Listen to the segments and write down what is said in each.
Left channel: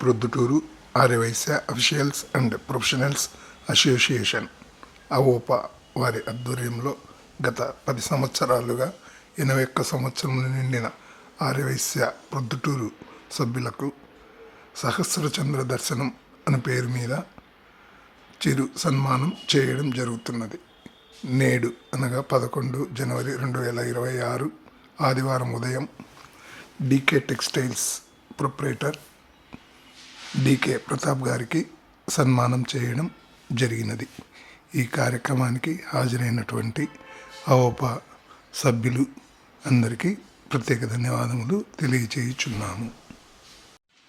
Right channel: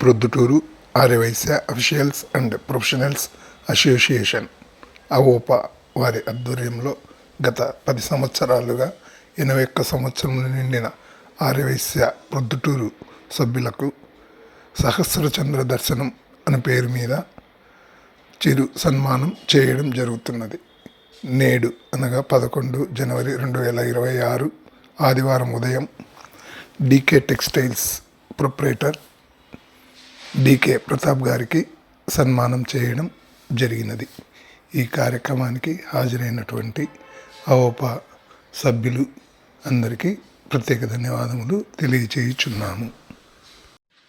Proddatur Aryavysya officials and professionals association Avopa వారి ఆధ్వర్యంలో గత పది సంవత్సరాలుగా ఎనభై ఒక్క సంవత్సరములు నిండిన ఆర్యవైశ్య ప్రొద్దుటూరు సభ్యులకు సహస్రచంద్ర దర్శనం అనే పేరు మీద చిరు సన్మానం చేయడం జరుగుతున్నది. నేడు అనగా పదకొండు జనవరి రెండు వేల ఇరవై ఆరు ఆదివారం ఉదయం DK textiles proprietor DK Pratap గారికి సన్మానం చేయడం జరిగినది. ఈ కార్యక్రమానికి హాజరైనటువంటి అవోపా సభ్యులు అందరికీ ప్రత్యేక ధన్యవాదములు తెలియచేయుచున్నాము.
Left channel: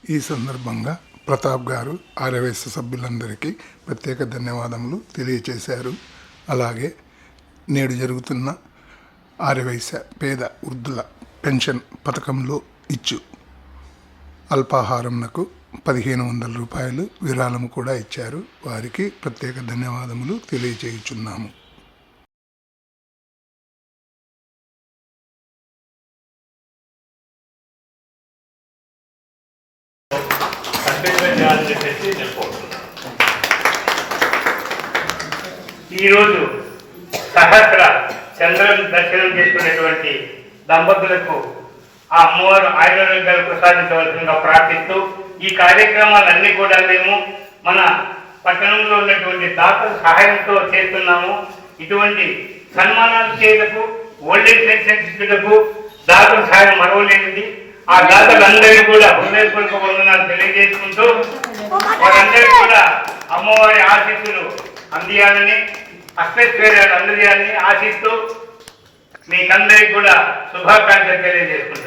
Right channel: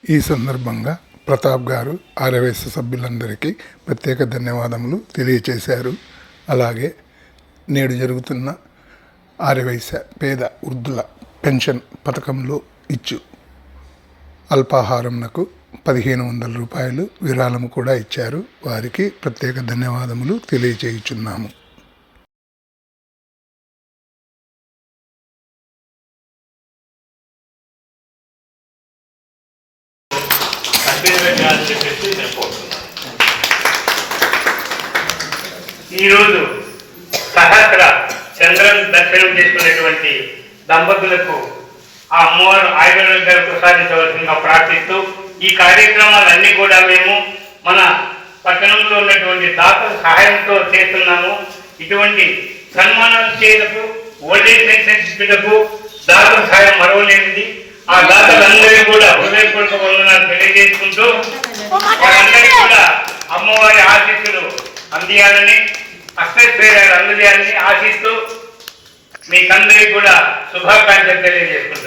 ఈ సందర్భంగా ప్రతాప్ గారు ఆర్యవైశ్య సభ్యులందరికీ ప్రత్యేక ధన్యవాదములు తెలియచేశారు. అలాగే నేడు జరుగుతున్న ఆర్యవైశ్య పేద వృద్ధుల పెన్షన్ పథకంలో ఇచ్చు అల్పాహారంనకు పదిహేను వందల రూపాయలు విరాళము కూడా ఇచ్చారు. వారికి ప్రత్యేక ధన్యవాదములు తెలియచేయుచున్నాము. ఈరోజు సహస్ర చంద్రం దర్శనం చేసుకున్నటువంటి దంపతులకు ఆ అమ్మవారు ఆయుర్వేదాలు ప్రసాదించవలసిందిగా ప్రార్థిస్తూ ఈ కార్యక్రమాలన్నీ కూడా మేము మన పట్టణంలో ఉన్నటువంటి దాతల సహాయంతో చేస్తున్నాము. ఇటువంటి సన్మానాలు చేయటకు ఓల్డేజ్ సెన్సెక్స్లకు దాతల సహాయం మరవలేనిది. ఆ దాతలందరికీ కూడా హృదయపూర్వక వందనాలు తెలియజేసుకుంటూ వారందరికీ కూడా అమ్మవారి ఆశీస్సులు అందియాలని అక్షరేయాలు అందజేయాలని ఆశిస్తూ మీకందరికీ కూడా శుభాకాంక్షలు తెలియజేస్తున్నాను